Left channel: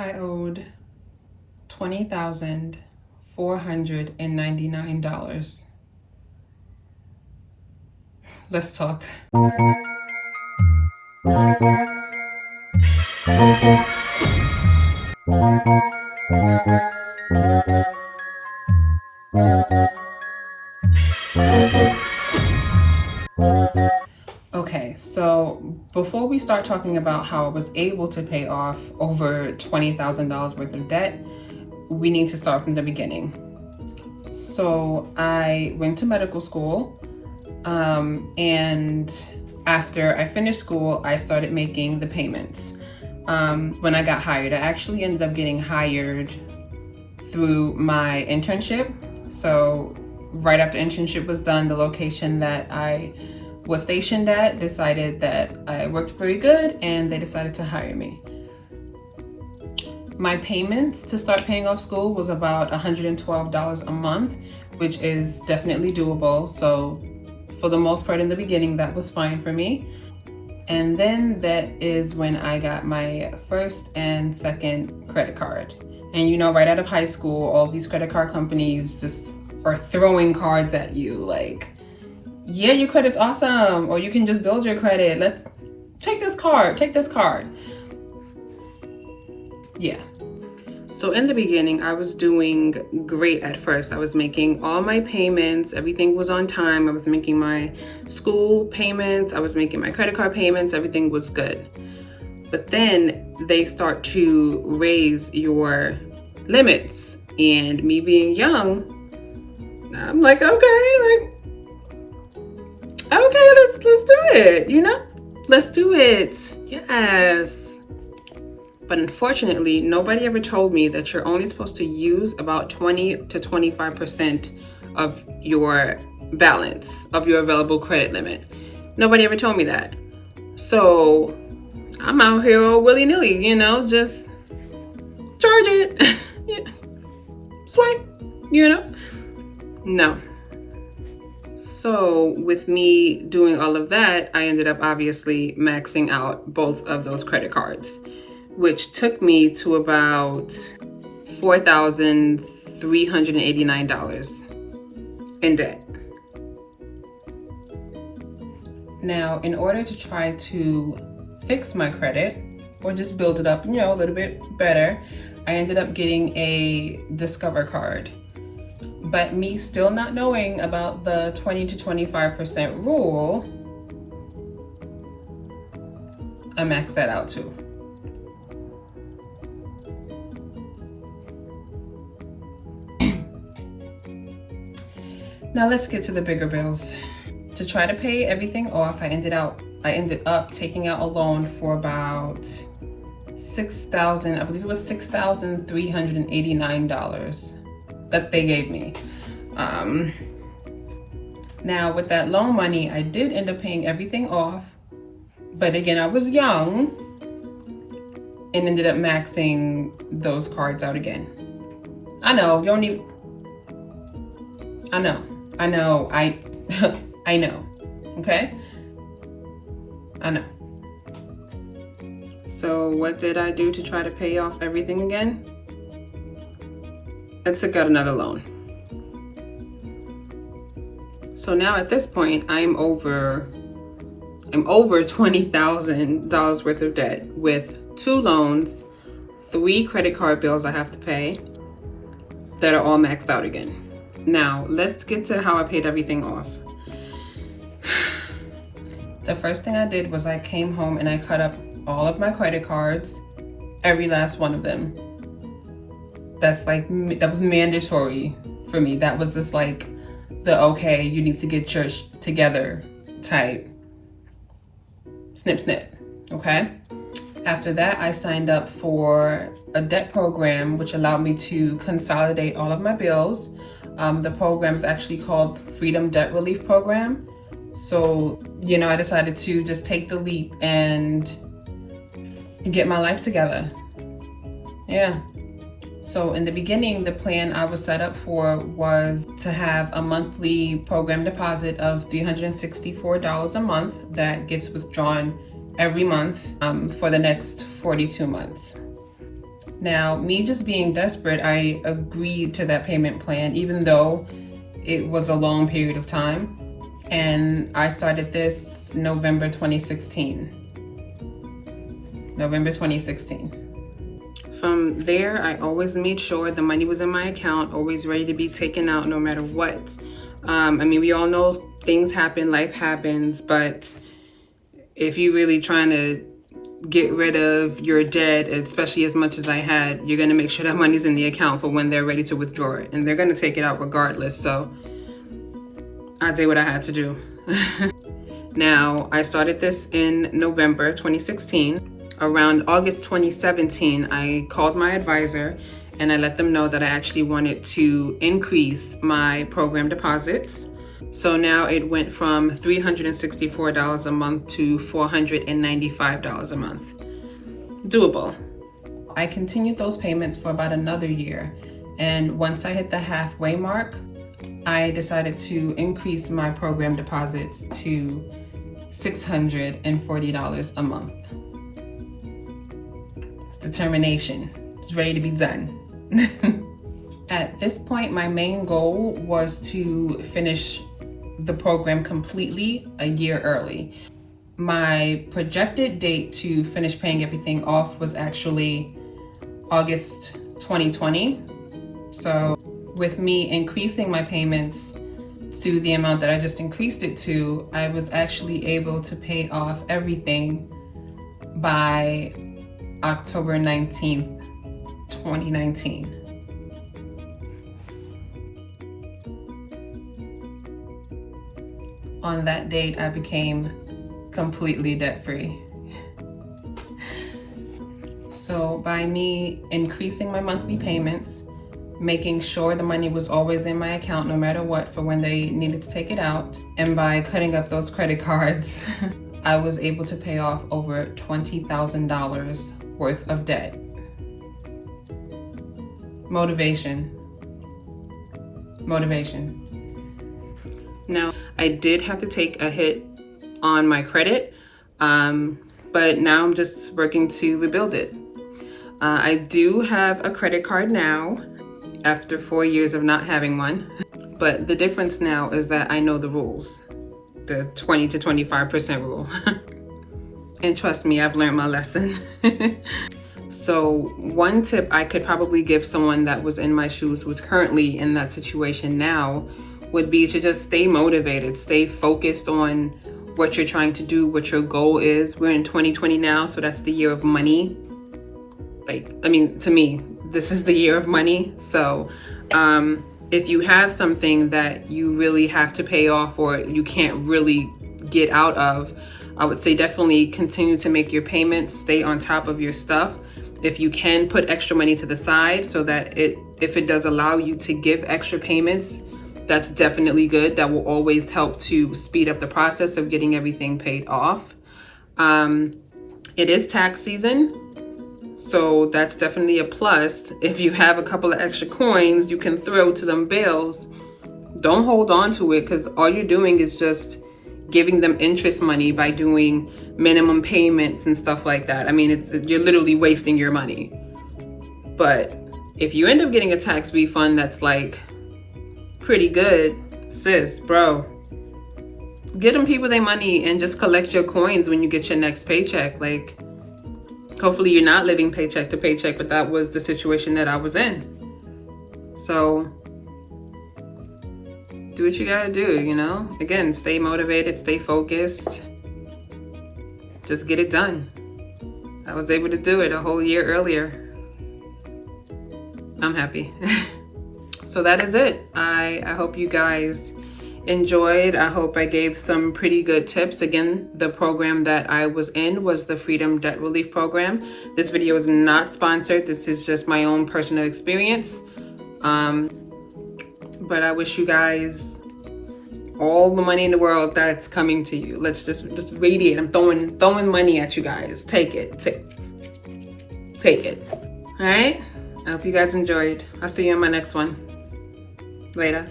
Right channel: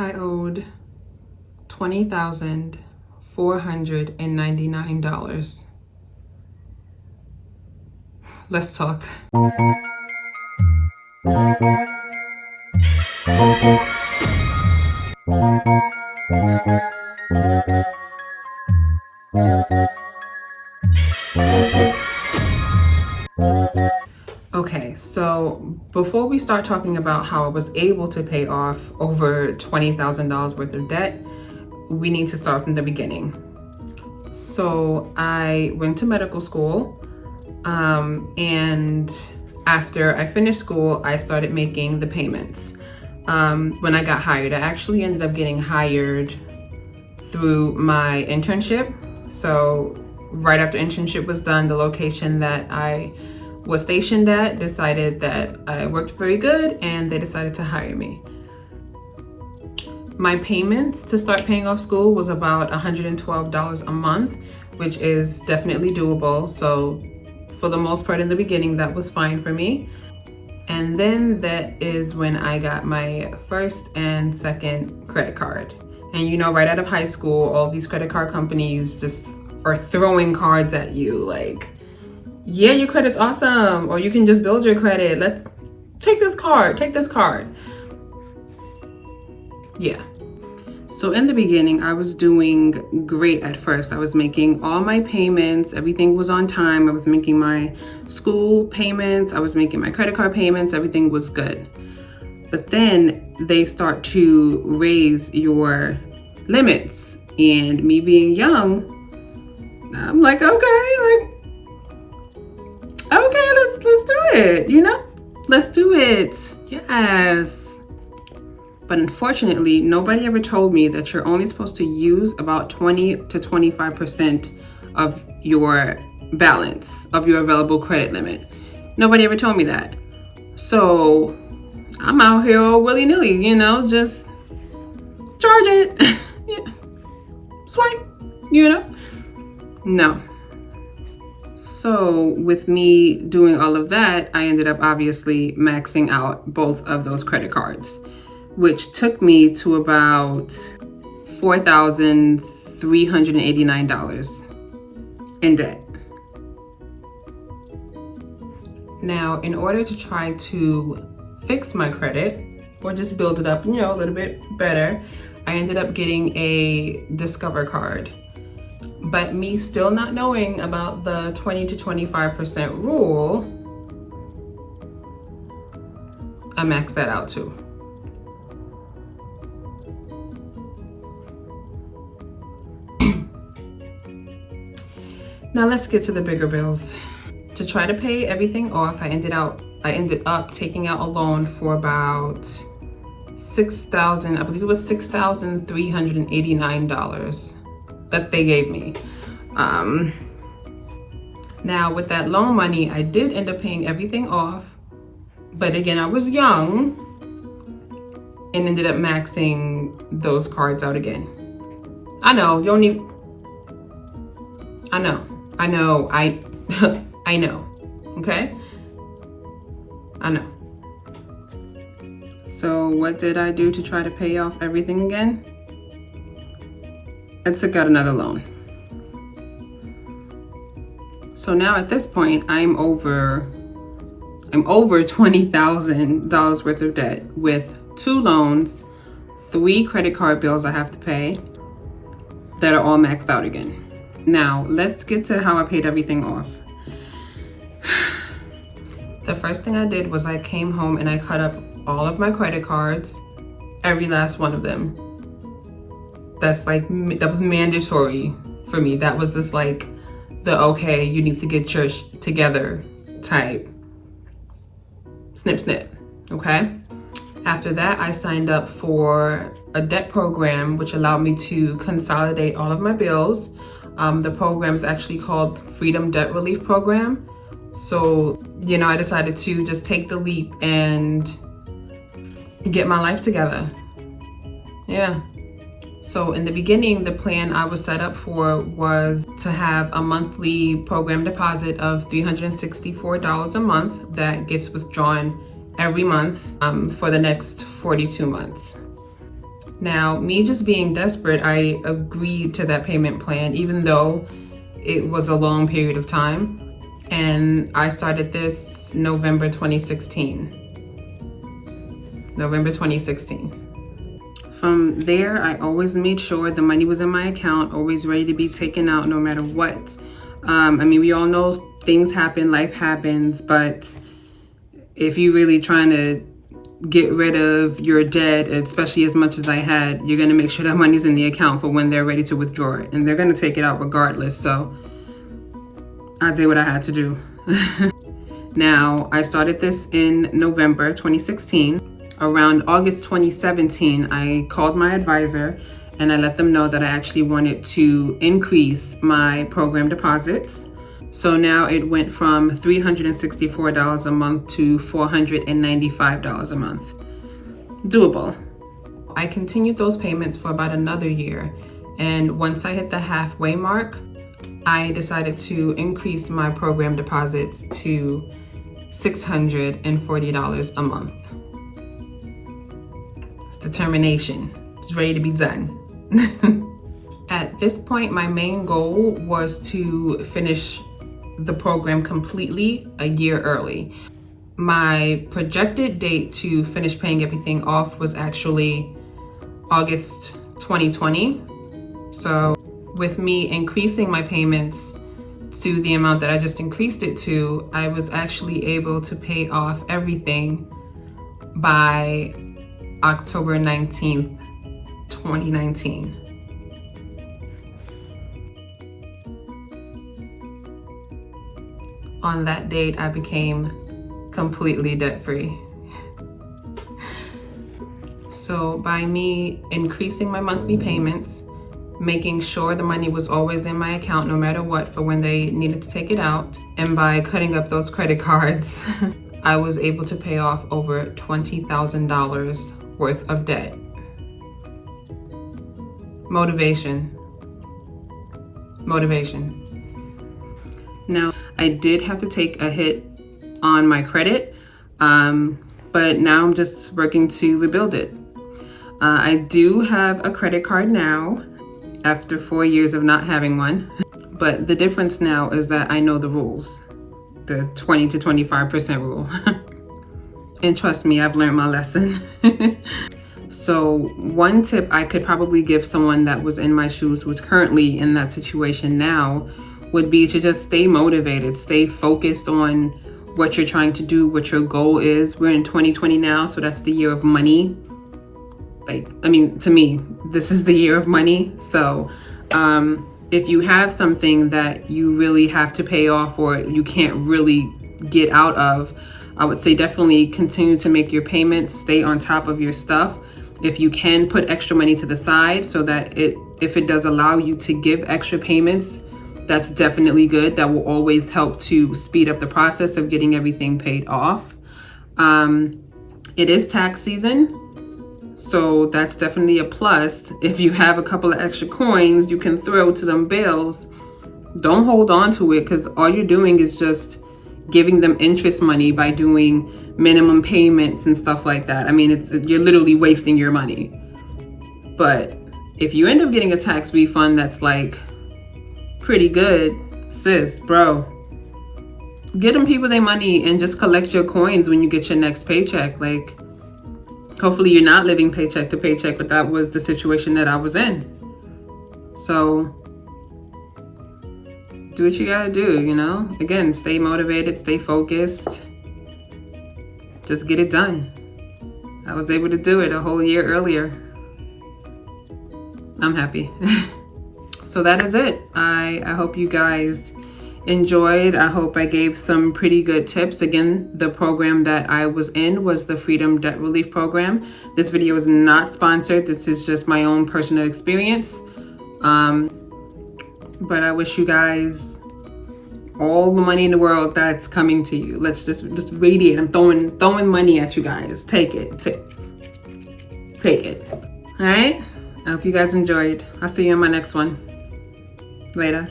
I owed $20,499. Let's talk. Okay, so before we start talking about how I was able to pay off over $20,000 worth of debt, we need to start from the beginning. So I went to medical school, and after I finished school, I started making the payments. When I got hired, I actually ended up getting hired through my internship. So right after internship was done, the location that I was stationed at decided that I worked very good and they decided to hire me. My payments to start paying off school was about $112 a month, which is definitely doable. So for the most part in the beginning, that was fine for me. And then that is when I got my first and second credit card. And you know, right out of high school, all these credit card companies just are throwing cards at you like, yeah, your credit's awesome, or you can just build your credit. Let's take this card. Yeah. So in the beginning, I was doing great at first. I was making all my payments. Everything was on time. I was making my school payments. I was making my credit card payments. Everything was good. But then they start to raise your limits. And me being young, I'm like, okay, let's do it, you know? Let's do it. Yes. But unfortunately, nobody ever told me that you're only supposed to use about 20 to 25% of your balance, of your available credit limit. Nobody ever told me that. So I'm out here all willy-nilly, you know, just charge it. Swipe, you know? No. So with me doing all of that, I ended up obviously maxing out both of those credit cards, which took me to about $4,389 in debt. Now, in order to try to fix my credit or just build it up, you know, a little bit better, I ended up getting a Discover card. But me still not knowing about the 20 to 25% rule, I maxed that out too. Now let's get to the bigger bills. To try to pay everything off, I ended up taking out a loan for about $6,389 that they gave me. Now with that loan money, I did end up paying everything off, but again, I was young and ended up maxing those cards out again. I know, you don't even, I know, okay? I know. So what did I do to try to pay off everything again? I took out another loan. So now at this point, I'm over $20,000 worth of debt with 2 loans, 3 credit card bills I have to pay that are all maxed out again. Now, let's get to how I paid everything off. The first thing I did was I came home and I cut up all of my credit cards, every last one of them. That was mandatory for me. That was just like the, okay, you need to get your together type. Snip, snip, okay? After that, I signed up for a debt program, which allowed me to consolidate all of my bills. The program is actually called Freedom Debt Relief Program. So, you know, I decided to just take the leap and get my life together. Yeah. So in the beginning, the plan I was set up for was to have a monthly program deposit of $364 a month that gets withdrawn every month for the next 42 months. Now, me just being desperate, I agreed to that payment plan, even though it was a long period of time. And I started this November 2016. November 2016. From there, I always made sure the money was in my account, always ready to be taken out no matter what. I mean, we all know things happen, life happens, but if you're really trying to get rid of your debt, especially as much as I had, you're gonna make sure that money's in the account for when they're ready to withdraw it. And they're gonna take it out regardless, so I did what I had to do. Now, I started this in November 2016. Around August 2017, I called my advisor and I let them know that I actually wanted to increase my program deposits. So now it went from $364 a month to $495 a month. Doable. I continued those payments for about another year. And once I hit the halfway mark, I decided to increase my program deposits to $640 a month. Determination. It's ready to be done. At this point, my main goal was to finish the program completely a year early. My projected date to finish paying everything off was actually August 2020. So with me increasing my payments to the amount that I just increased it to, I was actually able to pay off everything by October 19th, 2019. On that date, I became completely debt-free. So by me increasing my monthly payments, making sure the money was always in my account no matter what for when they needed to take it out, and by cutting up those credit cards, I was able to pay off over $20,000 worth of debt. Motivation. Now, I did have to take a hit on my credit, but now I'm just working to rebuild it. I do have a credit card now after 4 years of not having one, but the difference now is that I know the rules, the 20 to 25% rule. And trust me, I've learned my lesson. So one tip I could probably give someone that was in my shoes, who's currently in that situation now, would be to just stay motivated, stay focused on what you're trying to do, what your goal is. We're in 2020 now, so that's the year of money. To me, this is the year of money. So if you have something that you really have to pay off or you can't really get out of, I would say definitely continue to make your payments, stay on top of your stuff. If you can, put extra money to the side so that if it does allow you to give extra payments, that's definitely good. That will always help to speed up the process of getting everything paid off. It is tax season, so that's definitely a plus. If you have a couple of extra coins you can throw to them bills, don't hold on to it, because all you're doing is just giving them interest money by doing minimum payments and stuff like that. I mean, you're literally wasting your money. But if you end up getting a tax refund that's like pretty good, sis, bro, get them people their money and just collect your coins when you get your next paycheck. Like, hopefully you're not living paycheck to paycheck, but that was the situation that I was in. So do what you gotta do, you know? Again, stay motivated, stay focused. Just get it done. I was able to do it a whole year earlier. I'm happy. So that is it. I hope you guys enjoyed. I hope I gave some pretty good tips. Again, the program that I was in was the Freedom Debt Relief Program. This video is not sponsored. This is just my own personal experience. But I wish you guys all the money in the world that's coming to you. Let's just radiate. I'm throwing money at you guys. Take it. Take it. All right? I hope you guys enjoyed. I'll see you in my next one. Later.